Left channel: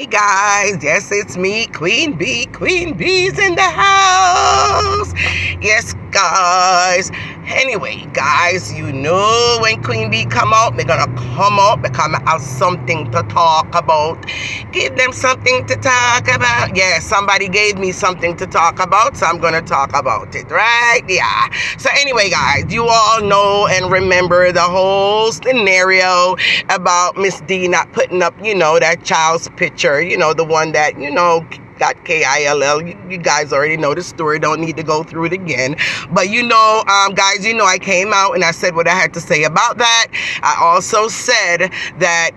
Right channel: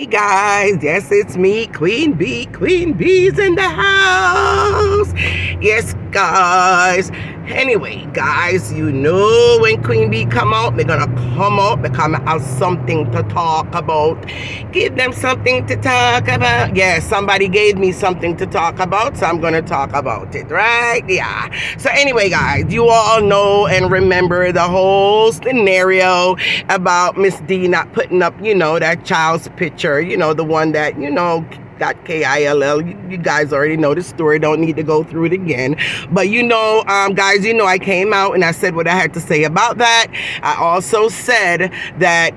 Hey guys, yes, it's me, Queen Bee. Queen Bee's in the house. Yes, guys. Anyway, guys, you know when Queen Bee come out, they're gonna come out because I have something to talk about. Give them something to talk about. Yeah, somebody gave me something to talk about, so I'm gonna talk about it, right? Yeah. So anyway, guys, you all know and remember the whole scenario about Miss D not putting up, that child's picture, the one that, got KILL. You guys already know the story. Don't need to go through it again. But guys, I came out and I said what I had to say about that. I also said that,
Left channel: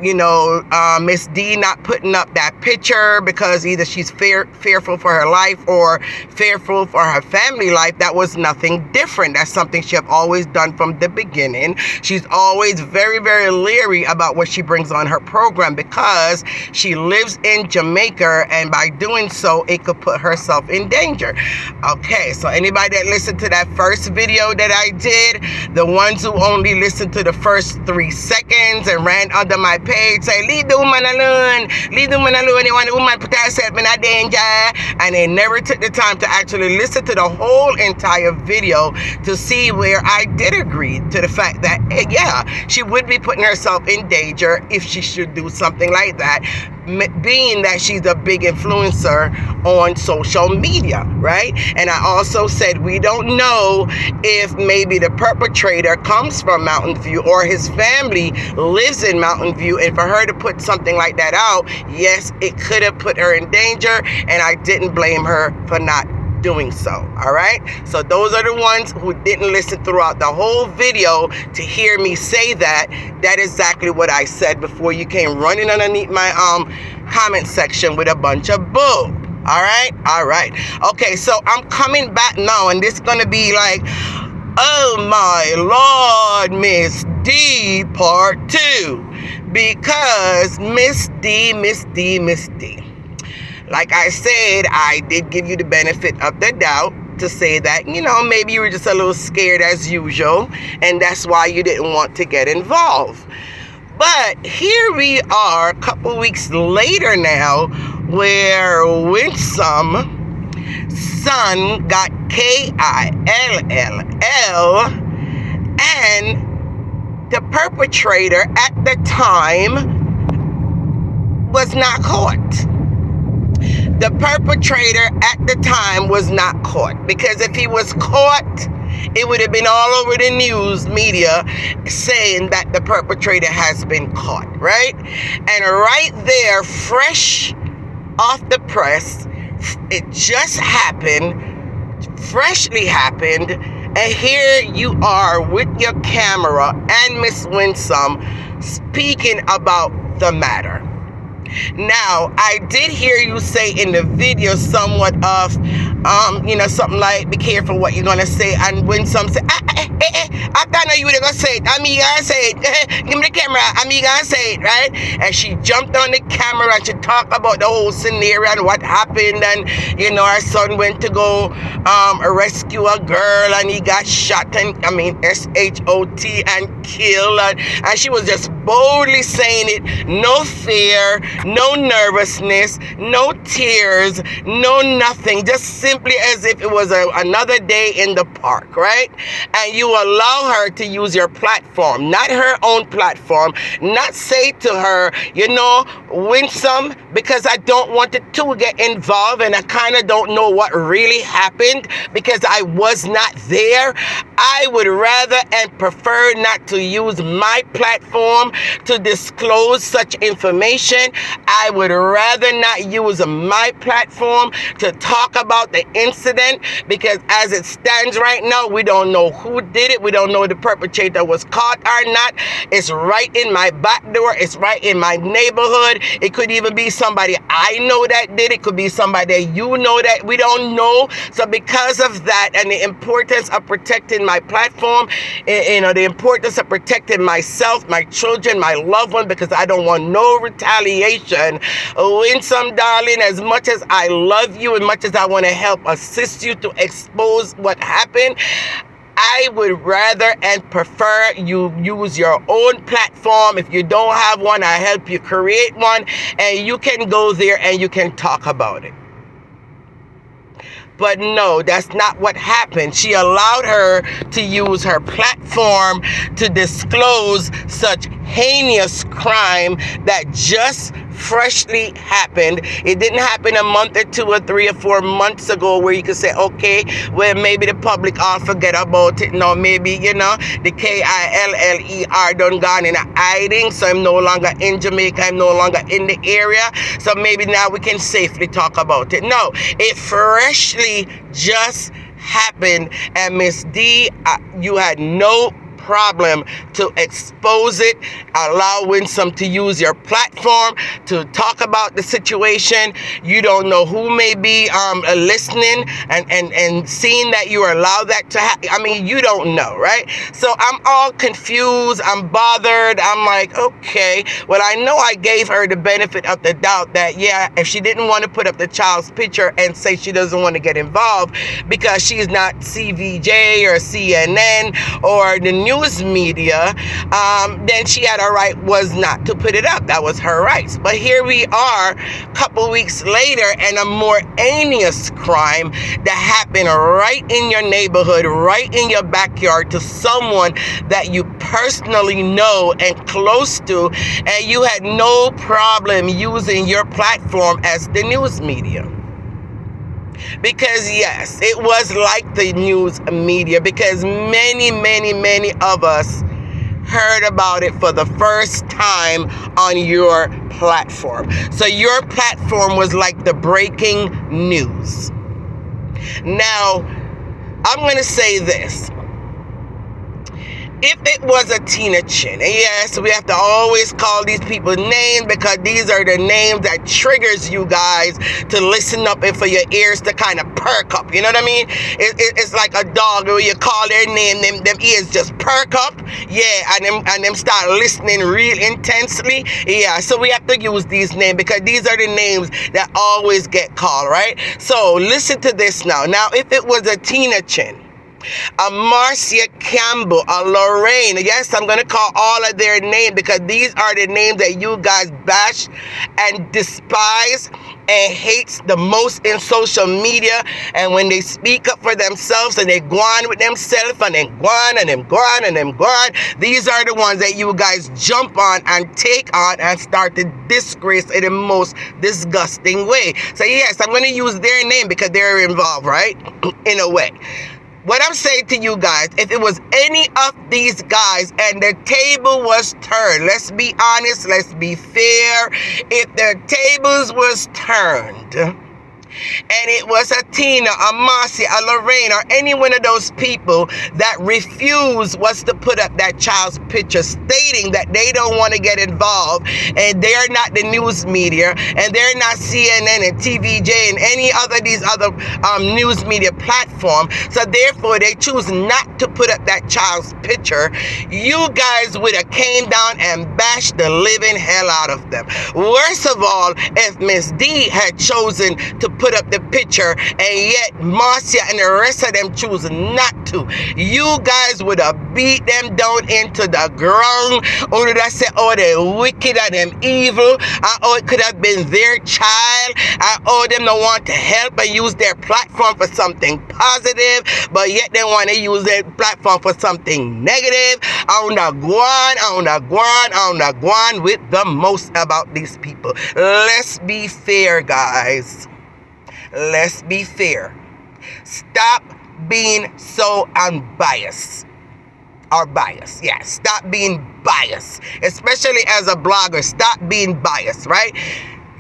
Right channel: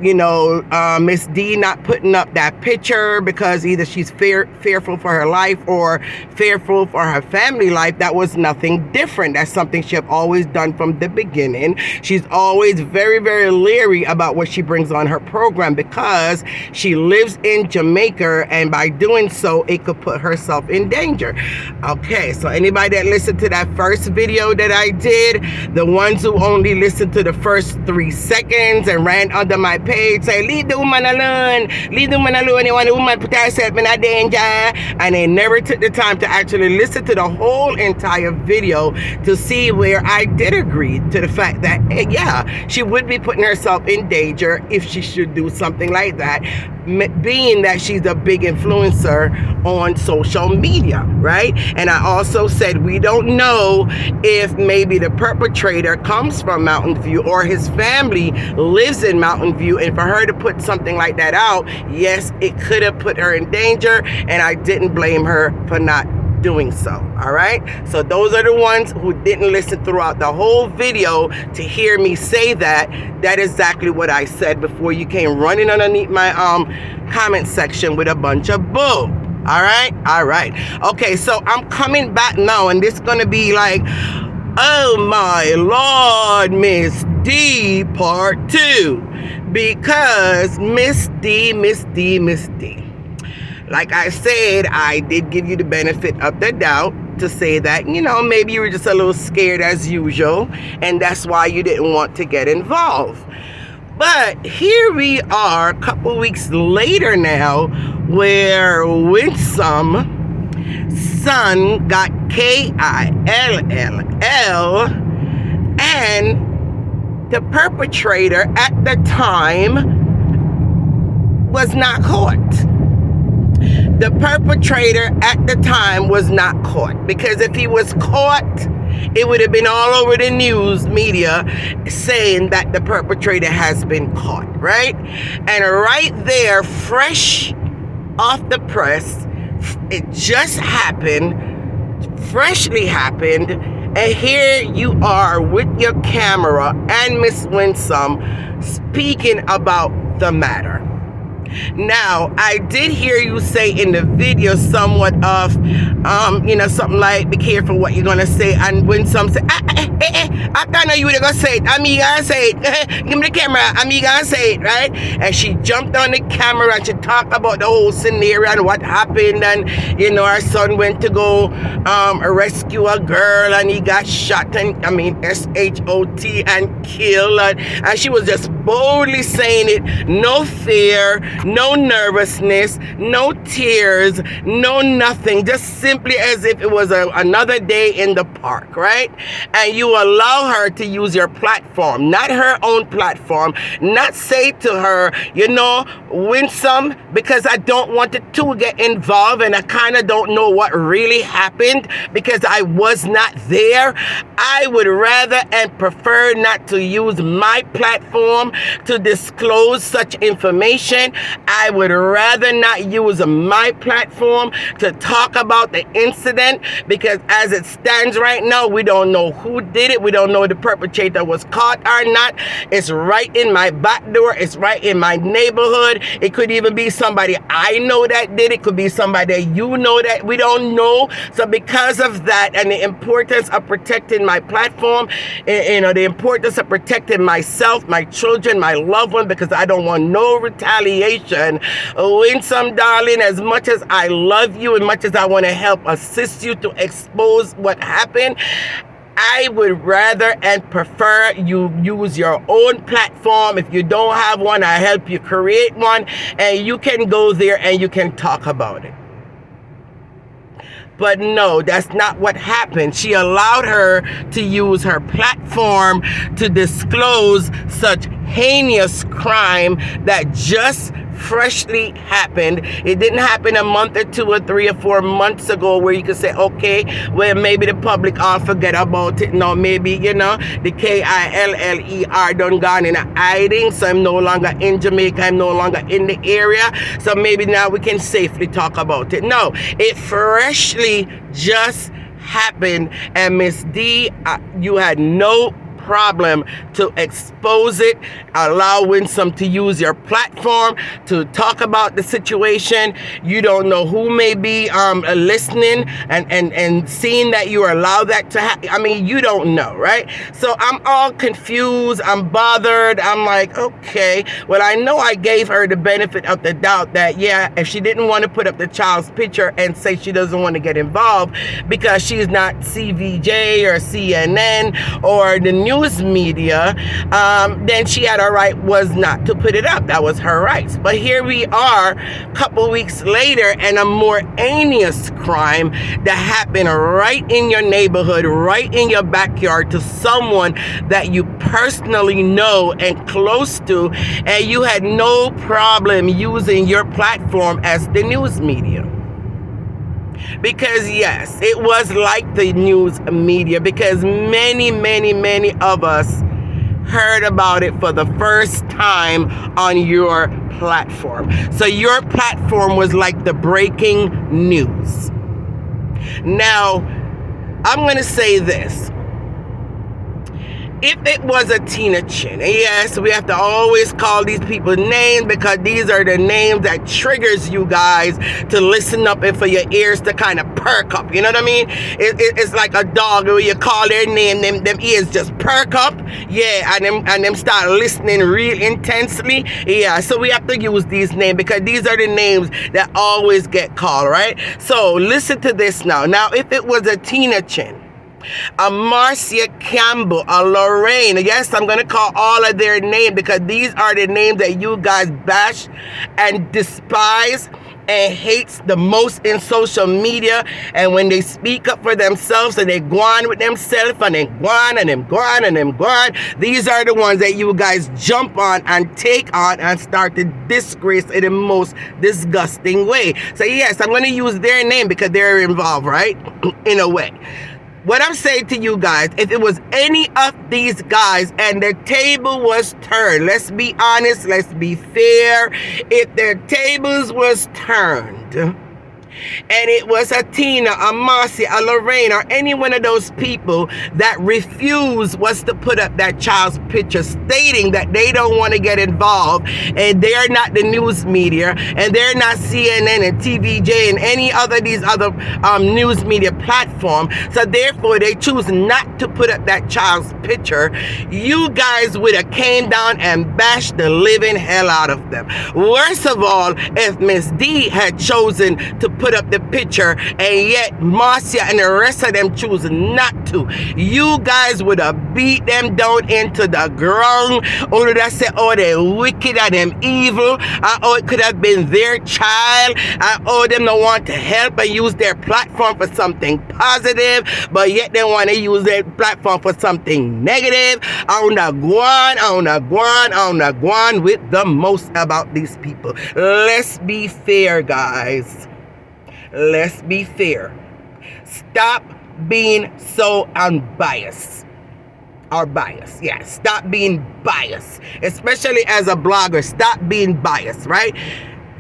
Miss D not putting up that picture because either she's fearful for her life or fearful for her family life. That was nothing different. That's something she have always done from the beginning. She's always very, very leery about what she brings on her program because she lives in Jamaica, and by doing so, it could put herself in danger. Okay, so anybody that listened to that first video that I did, the ones who only listened to the first 3 seconds and ran under my page, say, leave the woman alone, they want the woman put herself in a danger, and they never took the time to actually listen to the whole entire video to see where I did agree to the fact that, yeah, she would be putting herself in danger if she should do something like that, being that she's a big influencer on social media, right? And I also said we don't know if maybe the perpetrator comes from Mountain View or his family lives in Mountain View, and for her to put something like that out, yes, it could have put her in danger, and I didn't blame her for not doing so. All right, so those are the ones who didn't listen throughout the whole video to hear me say that. That is exactly what I said before you came running underneath my comment section with a bunch of bull. All right, okay, so I'm coming back now, and this is gonna be like, oh my Lord, Miss D part 2, because Miss D, like I said, I did give you the benefit of the doubt to say that, maybe you were just a little scared as usual, and that's why you didn't want to get involved. But here we are a couple weeks later now, where Winsome son got KILLL, and the perpetrator at the time was not caught. The perpetrator at the time was not caught, because if he was caught, it would have been all over the news media saying that the perpetrator has been caught, right? And right there, fresh off the press, it just happened, freshly happened, and here you are with your camera and Miss Winsome speaking about the matter. Now, I did hear you say in the video somewhat of, something like, be careful what you're going to say. And when some say, I thought know you were going to say it. I'm going to say it. Give me the camera. I'm going to say it, right? And she jumped on the camera and she talked about the whole scenario and what happened. And, her son went to go rescue a girl and he got shot, and SHOT, and killed. And she was just boldly saying it. No fear, no nervousness, no tears, no nothing, just simply as if it was another day in the park, right? And you allow her to use your platform, not her own platform, not say to her, Winsome, because I don't want the two to get involved, and I kind of don't know what really happened because I was not there. I would rather and prefer not to use my platform to disclose such information. I would rather not use my platform to talk about the incident, because as it stands right now, we don't know who did it. We don't know if the perpetrator was caught or not. It's right in my back door. It's right in my neighborhood. It could even be somebody I know that did it. It could be somebody that you know that we don't know. So because of that and the importance of protecting my platform, the importance of protecting myself, my children, my loved one, because I don't want no retaliation. Winsome, darling, as much as I love you and much as I want to help assist you to expose what happened, I would rather and prefer you use your own platform. If you don't have one, I help you create one, and you can go there and you can talk about it. But no, that's not what happened. She allowed her to use her platform to disclose such heinous crime that just freshly happened. It didn't happen a month or 2 or 3 or 4 months ago where you could say, okay, well, maybe the public all forget about it. No, maybe, the KILLER done gone in hiding, so I'm no longer in Jamaica, I'm no longer in the area, so maybe now we can safely talk about it. No, it freshly just happened, and Miss D, you had no problem to expose it, allow Winsome to use your platform to talk about the situation. You don't know who may be listening and seeing that you allow that to happen. I mean, you don't know, right? So I'm all confused. I'm bothered. I'm like, okay, well, I know I gave her the benefit of the doubt that, yeah, if she didn't want to put up the child's picture and say she doesn't want to get involved because she's not CVJ or CNN or the news media, then she had a right was not to put it up. That was her rights. But here we are a couple weeks later, and a more heinous crime that happened right in your neighborhood, right in your backyard, to someone that you personally know and close to, and you had no problem using your platform as the news media. Because yes, it was like the news media, because many of us heard about it for the first time on your platform. So your platform was like the breaking news. Now, I'm going to say this. If it was a Tina Chin, and yes, we have to always call these people names because these are the names that triggers you guys to listen up and for your ears to kind of perk up. You know what I mean? It's like a dog where you call their name, them ears just perk up. Yeah, and them start listening real intensely. Yeah, so we have to use these names because these are the names that always get called, right? So listen to this now. Now, if it was a Tina Chin, a Marcia Campbell, a Lorraine. Yes, I'm going to call all of their names because these are the names that you guys bash and despise and hates the most in social media. And when they speak up for themselves and they go on with themselves and then go on and then go on and then go on, these are the ones that you guys jump on and take on and start to disgrace in the most disgusting way. So yes, I'm going to use their name because they're involved, right? In a way. What I'm saying to you guys, if it was any of these guys and the table was turned, let's be honest, let's be fair, if their tables was turned, and it was a Tina, a Marcia, a Lorraine, or any one of those people that refused was to put up that child's picture stating that they don't want to get involved and they're not the news media and they're not CNN and TVJ and any other these other news media platform, so therefore they choose not to put up that child's picture, you guys would have came down and bashed the living hell out of them. Worst of all, if Miss D had chosen to put up the picture and yet Marcia and the rest of them choose not to, you guys would have beat them down into the ground. Or would have said, oh, they're wicked and them evil, or it could have been their child, or them don't want to help and use their platform for something positive, but yet they want to use their platform for something negative. On the guan with the most about these people. Let's be fair, guys. Let's be fair. Stop being so unbiased. Or biased. Yeah, stop being biased. Especially as a blogger, stop being biased, right?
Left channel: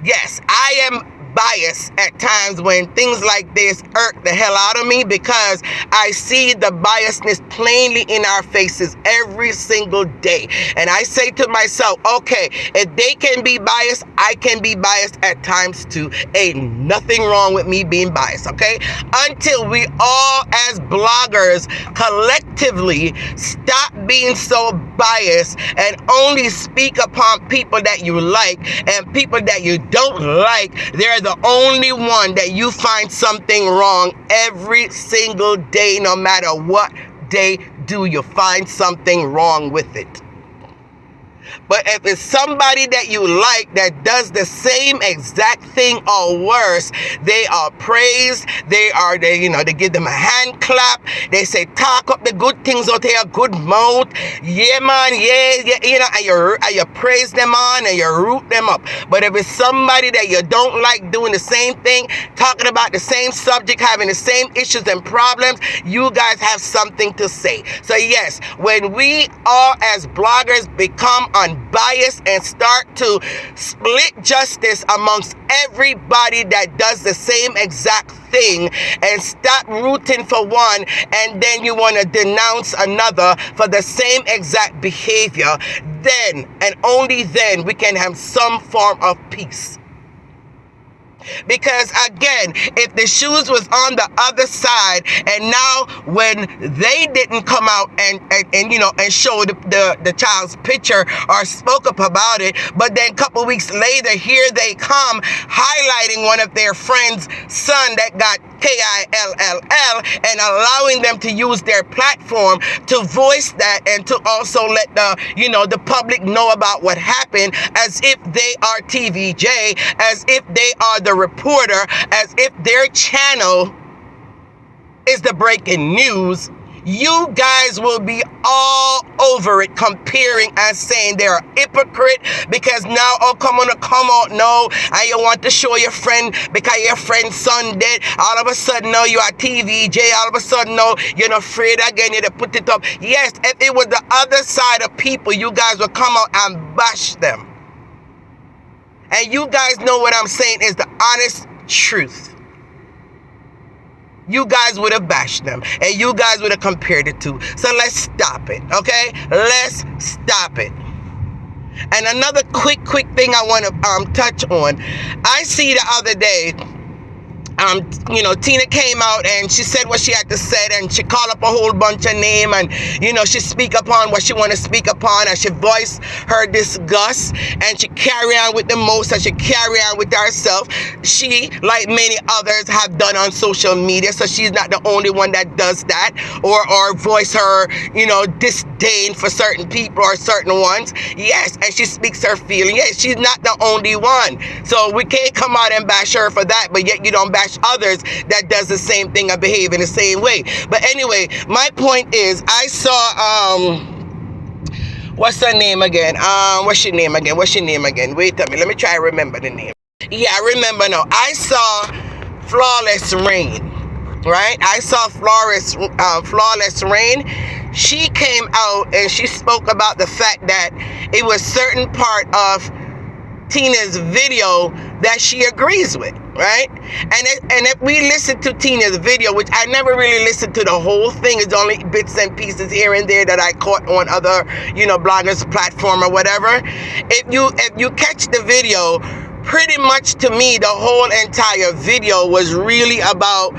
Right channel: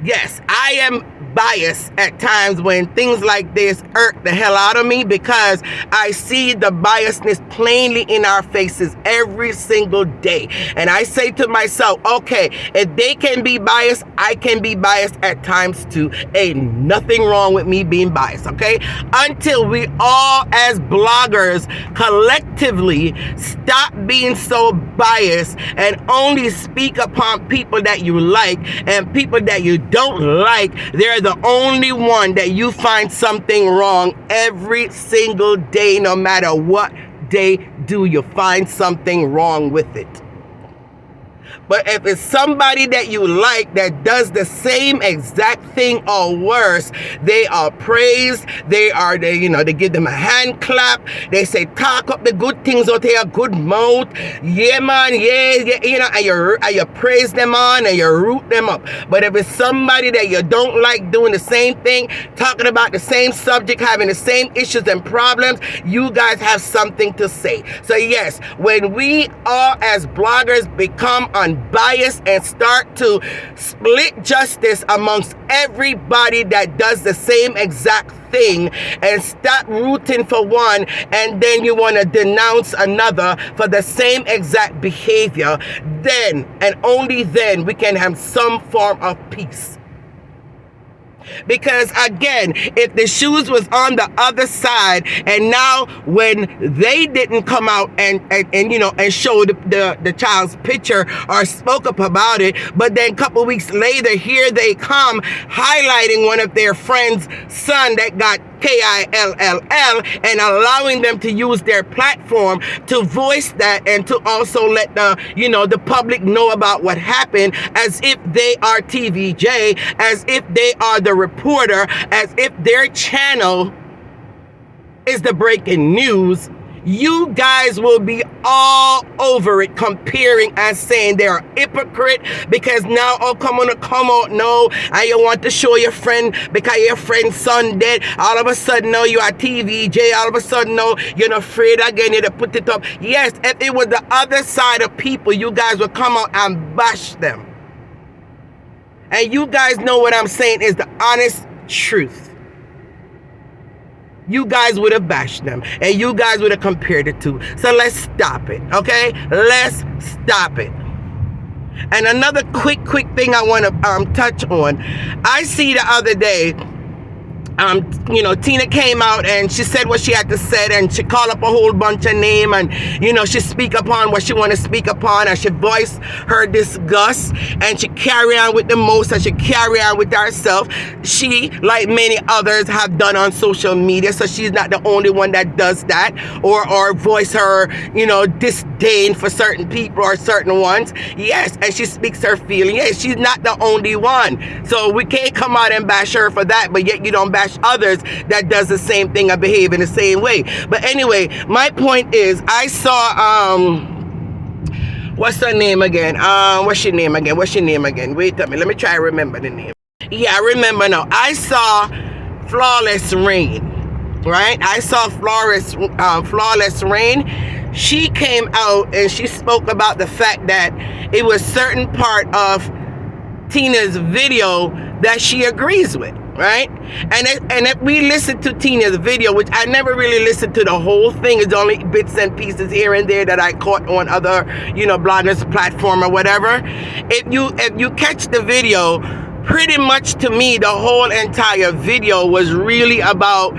Yes, I am biased at times when things like this irk the hell out of me because I see the biasness plainly in our faces every single day. And I say to myself, okay, if they can be biased, I can be biased at times too. Ain't nothing wrong with me being biased, okay? Until we all as bloggers collectively stop being so biased and only speak upon people that you like, and people that you don't like, they're the only one that you find something wrong every single day, no matter what day do you find something wrong with it. But if it's somebody that you like that does the same exact thing or worse, they are praised. They give them a hand clap. They say, talk up the good things out here, good mouth. Yeah, man, yeah, and you praise them on and you root them up. But if it's somebody that you don't like doing the same thing, talking about the same subject, having the same issues and problems, you guys have something to say. So yes, when we all as bloggers become unbiased and start to split justice amongst everybody that does the same exact thing and stop rooting for one and then you want to denounce another for the same exact behavior, then and only then we can have some form of peace. Because again, if the shoes was on the other side, and now when they didn't come out and show the child's picture or spoke up about it, but then a couple weeks later, here they come highlighting one of their friends' son that got KILLL and allowing them to use their platform to voice that and to also let the public know about what happened, as if they are TVJ, as if they are the reporter, as if their channel is the breaking news. You guys will be all over it, comparing and saying they're a hypocrite because now, come out now, and you want to show your friend because your friend's son dead. All of a sudden now you are TVJ. All of a sudden now you're not afraid again. You to put it up. Yes, if it was the other side of people, you guys would come out and bash them. And you guys know what I'm saying is the honest truth. You guys would have bashed them and you guys would have compared it to. So let's stop it, okay? Let's stop it. And another quick thing I want to touch on. I see the other day, Tina came out and she said what she had to say, and she called up a whole bunch of names, and she speak upon what she want to speak upon, and she voice her disgust, and she carry on with the most, and she carry on with herself. She, like many others, have done on social media, so she's not the only one that does that, or voice her, disdain for certain people or certain ones. Yes, and she speaks her feeling. Yes, she's not the only one. So we can't come out and bash her for that, but yet you don't bash others that does the same thing and behave in the same way. But anyway, my point is, I saw what's her name again? What's your name again? Wait a minute, let me try to remember the name. Yeah, I remember now. I saw Flawless Rain, right? I saw Flawless Rain. She came out and she spoke about the fact that it was certain part of Tina's video that she agrees with, right? And if we listen to Tina's video, which I never really listened to the whole thing, it's only bits and pieces here and there that I caught on other, bloggers' platform or whatever. If you catch the video, pretty much to me, the whole entire video was really about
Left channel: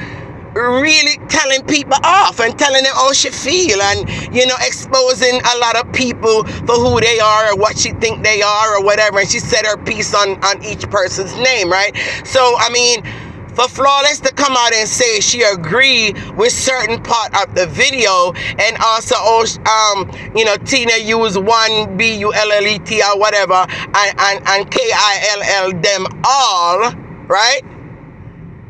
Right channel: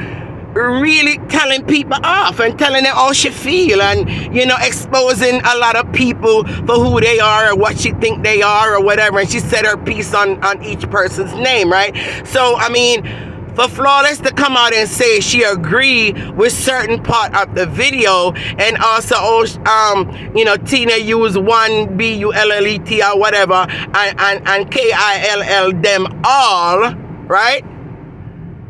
really telling people off and telling them how she feel, and exposing a lot of people for who they are or what she think they are or whatever, and she said her piece on each person's name, right? So I mean, for Flawless to come out and say she agreed with certain part of the video, and also Tina used one BULLET or whatever, and KILL them all, right?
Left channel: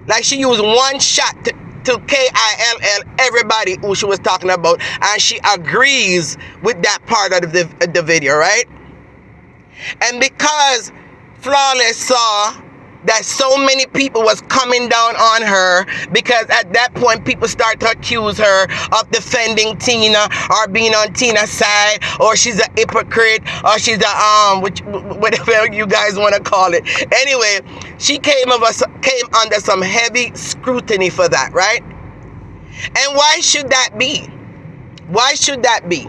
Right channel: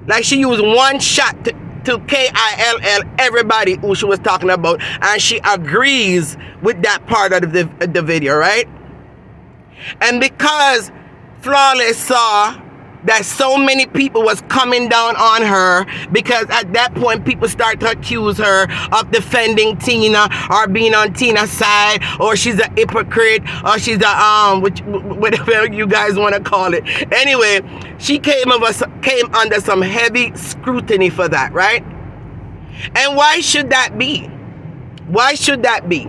Like she used one shot to KILL everybody who she was talking about, and she agrees with that part of the video, right? And because Flawless saw that so many people was coming down on her, because at that point people start to accuse her of defending Tina or being on Tina's side, or she's a hypocrite, or she's a whatever you guys want to call it. Anyway, she came under some heavy scrutiny for that, right? And why should that be? Why should that be?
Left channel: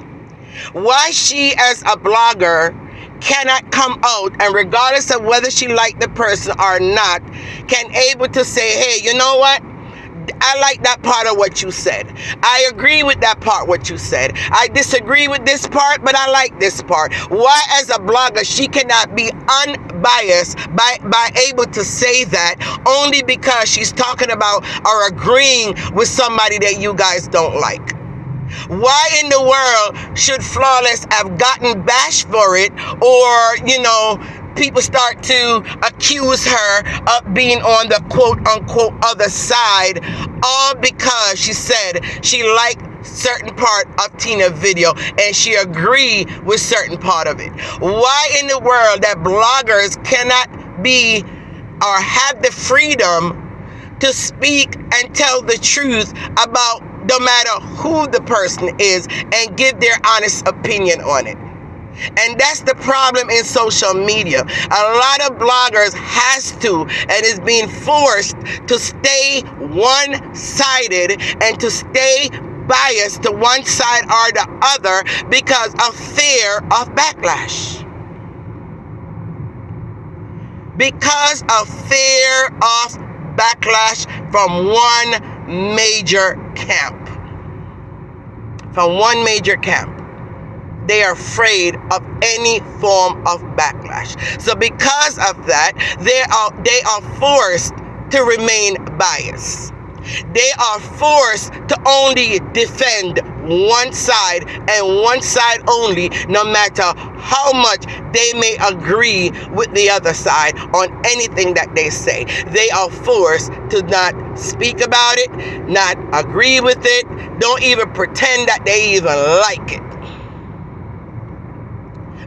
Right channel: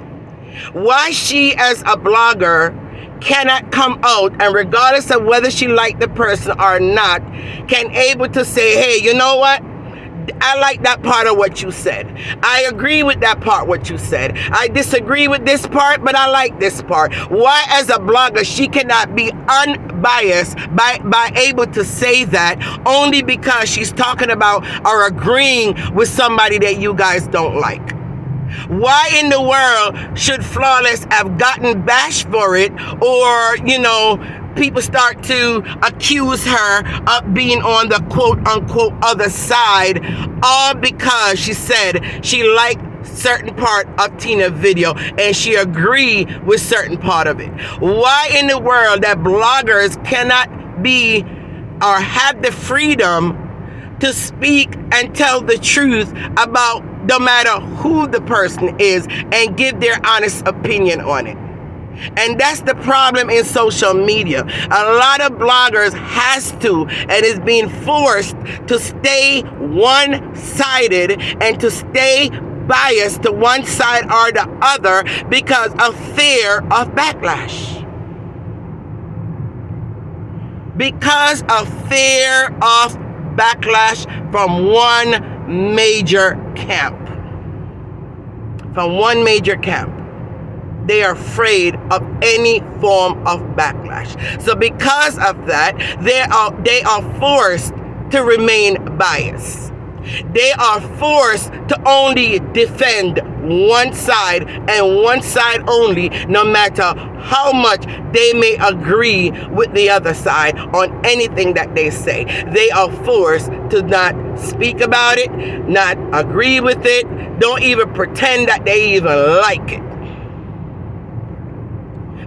Why she as a blogger cannot come out, and regardless of whether she liked the person or not, can able to say, hey, you know what? I like that part of what you said. I agree with that part what you said. I disagree with this part, but I like this part. Why as a blogger she cannot be unbiased by able to say that, only because she's talking about or agreeing with somebody that you guys don't like? Why in the world should Flawless have gotten bashed for it, or, people start to accuse her of being on the quote-unquote other side, all because she said she liked certain part of Tina's video and she agreed with certain part of it? Why in the world that bloggers cannot be or have the freedom to speak and tell the truth about no matter who the person is and give their honest opinion on it? And that's the problem in social media. A lot of bloggers has to and is being forced to stay one-sided and to stay biased to one side or the other because of fear of backlash. Because of fear of backlash from one major camp. From one major camp. They are afraid of any form of backlash. So because of that, they are forced to remain biased. They are forced to only defend one side and one side only, no matter how much they may agree with the other side on anything that they say. They are forced to not speak about it, not agree with it, don't even pretend that they even like it.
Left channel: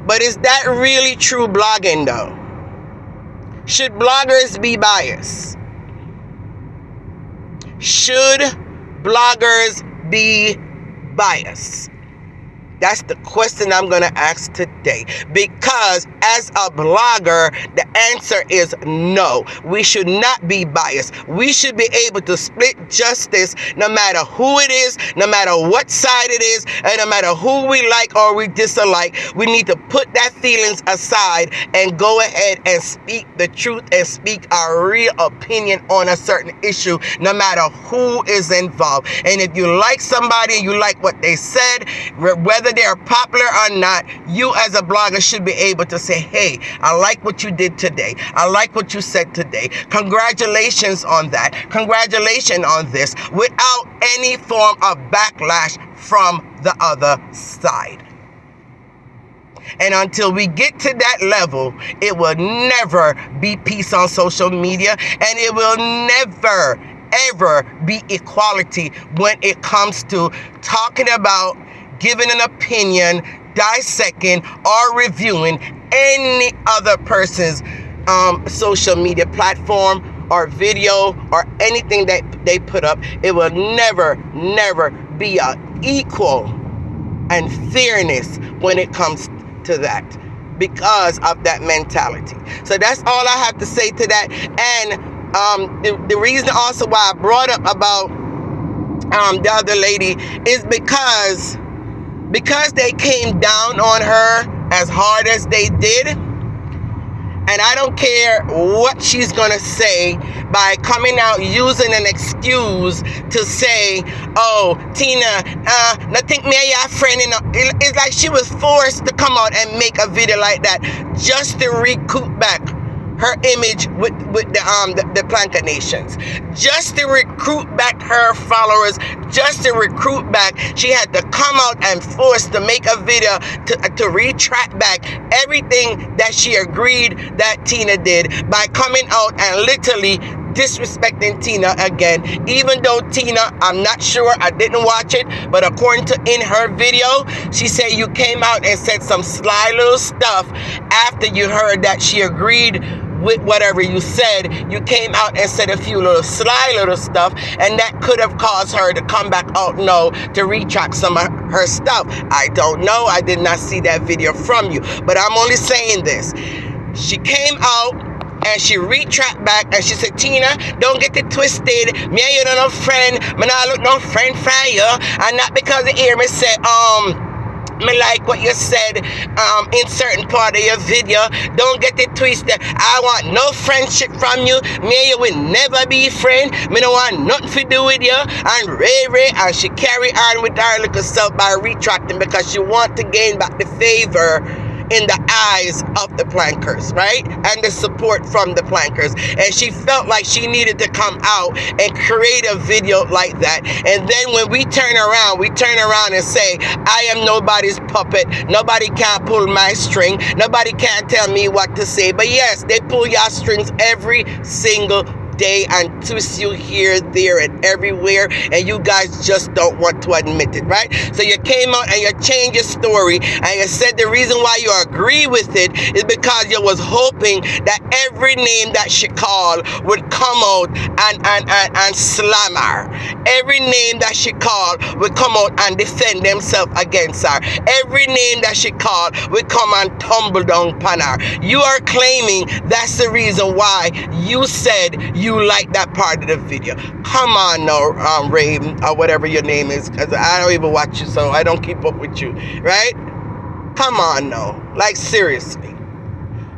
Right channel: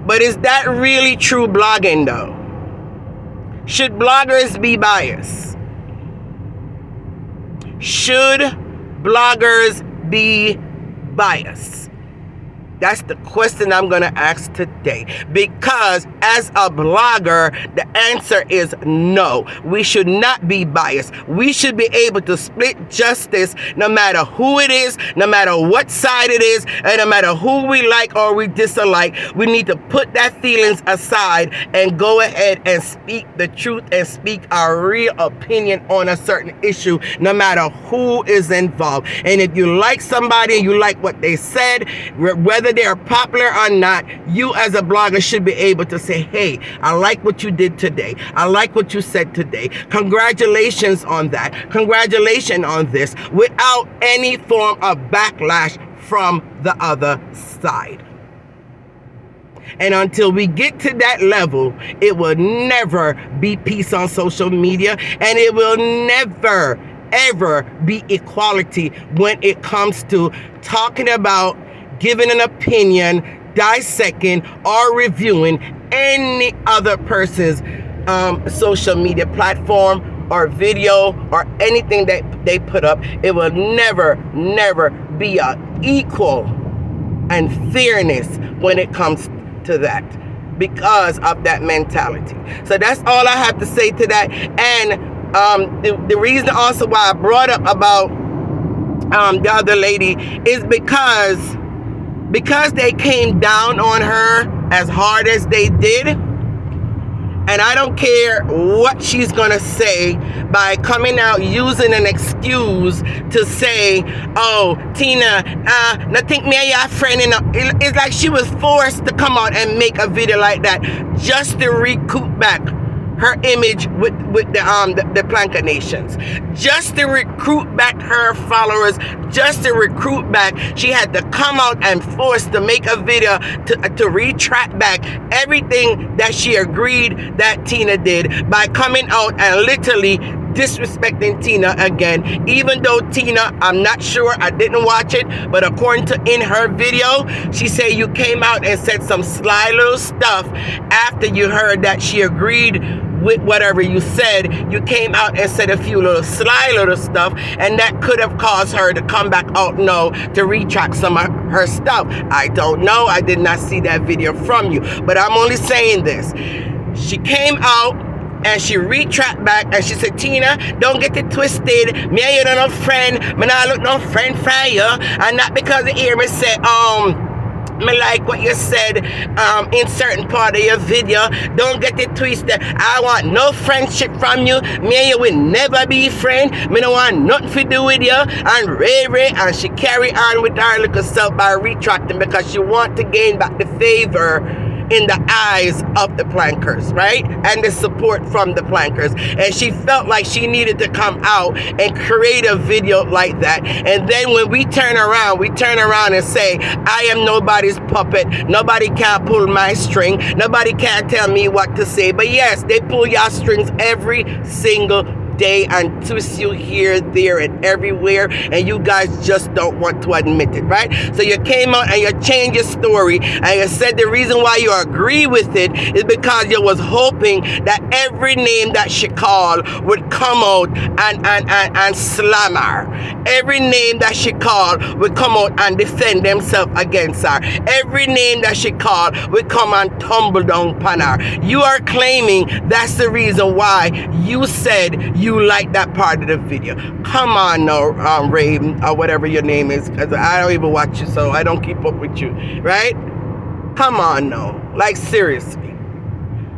But is that really true blogging though? Should bloggers be biased? Should bloggers be biased? That's the question I'm going to ask today. Because as a blogger, the answer is no. We should not be biased. We should be able to split justice no matter who it is, no matter what side it is, and no matter who we like or we dislike. We need to put that feelings aside and go ahead and speak the truth and speak our real opinion on a certain issue, no matter who is involved. And if you like somebody and you like what they said, whether they are popular or not, you as a blogger should be able to say, hey, I like what you did today. I like what you said today. Congratulations on that. Congratulations on this, without any form of backlash from the other side. And until we get to that level, it will never be peace on social media, and it will never, ever be equality when it comes to talking about, giving an opinion, dissecting, or reviewing any other person's social media platform or video or anything that they put up. It will never, never be an equal and fairness when it comes to that, because of that mentality. So that's all I have to say to that. And the reason also why I brought up about the other lady is because they came down on her as hard as they did. And I don't care what she's going to say by coming out using an excuse to say, oh, Tina, I think me and your friend, it's like she was forced to come out and make a video like that just to recoup back her image with the Planka Nations, just to recruit back her followers, just to recruit back. She had to come out and force to make a video to retract back everything that she agreed that Tina did by coming out and literally disrespecting Tina again. Even though Tina, I'm not sure, I didn't watch it, but according to in her video, she said you came out and said some sly little stuff after you heard that she agreed with whatever you said. You came out and said a few little sly little stuff, and that could have caused her to come back out to retract some of her stuff. I don't know. I did not see that video from you, but I'm only saying this. She came out and she retract back and she said, Tina, don't get it twisted. Me and you don't no friend. Me not look no friend for you. And not because they hear me say, me like what you said in certain part of your video. Don't get it twisted. I want no friendship from you. Me and you will never be friends. Me don't want nothing to do with you. And Ray, and she carry on with her little self by retracting because she want to gain back the favor in the eyes of the plankers, right? And the support from the plankers. And she felt like she needed to come out and create a video like that. And then when we turn around and say, I am nobody's puppet. Nobody can pull my string. Nobody can tell me what to say. But yes, they pull your strings every single day and twist you here, there, and everywhere, and you guys just don't want to admit it, right? So you came out and you changed your story, and you said the reason why you agree with it is because you was hoping that every name that she called would come out and slam her. Every name that she called would come out and defend themselves against her. Every name that she called would come and tumble down upon her. You are claiming that's the reason why you said you like that part of the video. Come on now, Raven, or whatever your name is, because I don't even watch you, so I don't keep up with you, right? Come on now, like seriously.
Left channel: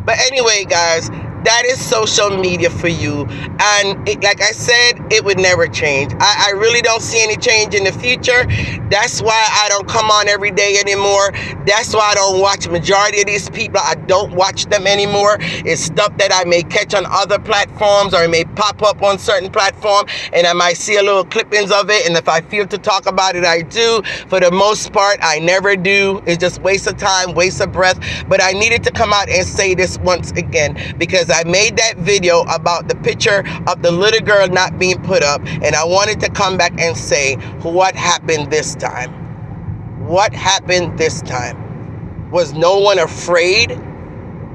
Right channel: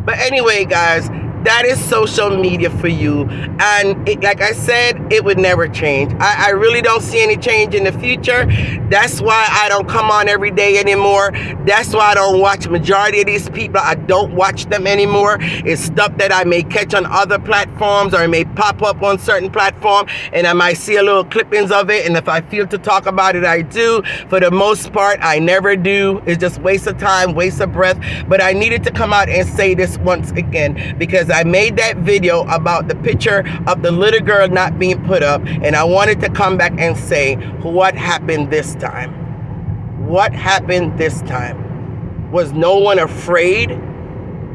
But anyway, guys, that is social media for you, and like I said, it would never change. I really don't see any change in the future. That's why I don't come on every day anymore. That's why I don't watch majority of these people. I don't watch them anymore. It's stuff that I may catch on other platforms, or it may pop up on certain platform, and I might see a little clippings of it, and if I feel to talk about it, I do. For the most part, I never do. It's just waste of time, waste of breath. But I needed to come out and say this once again, because I made that video about the picture of the little girl not being put up, and I wanted to come back and say what happened this time. What happened this time? Was no one afraid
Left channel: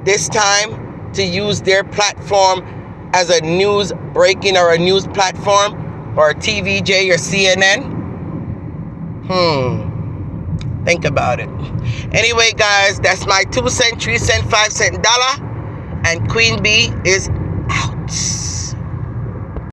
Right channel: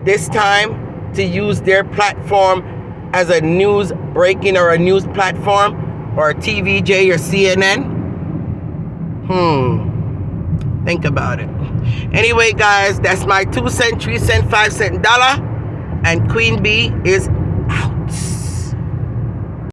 this time to use their platform as a news breaking or a news platform, or TVJ or CNN? Think about it. Anyway, guys, that's my 2 cent, 3 cent, 5 cent dollar. And Queen Bee is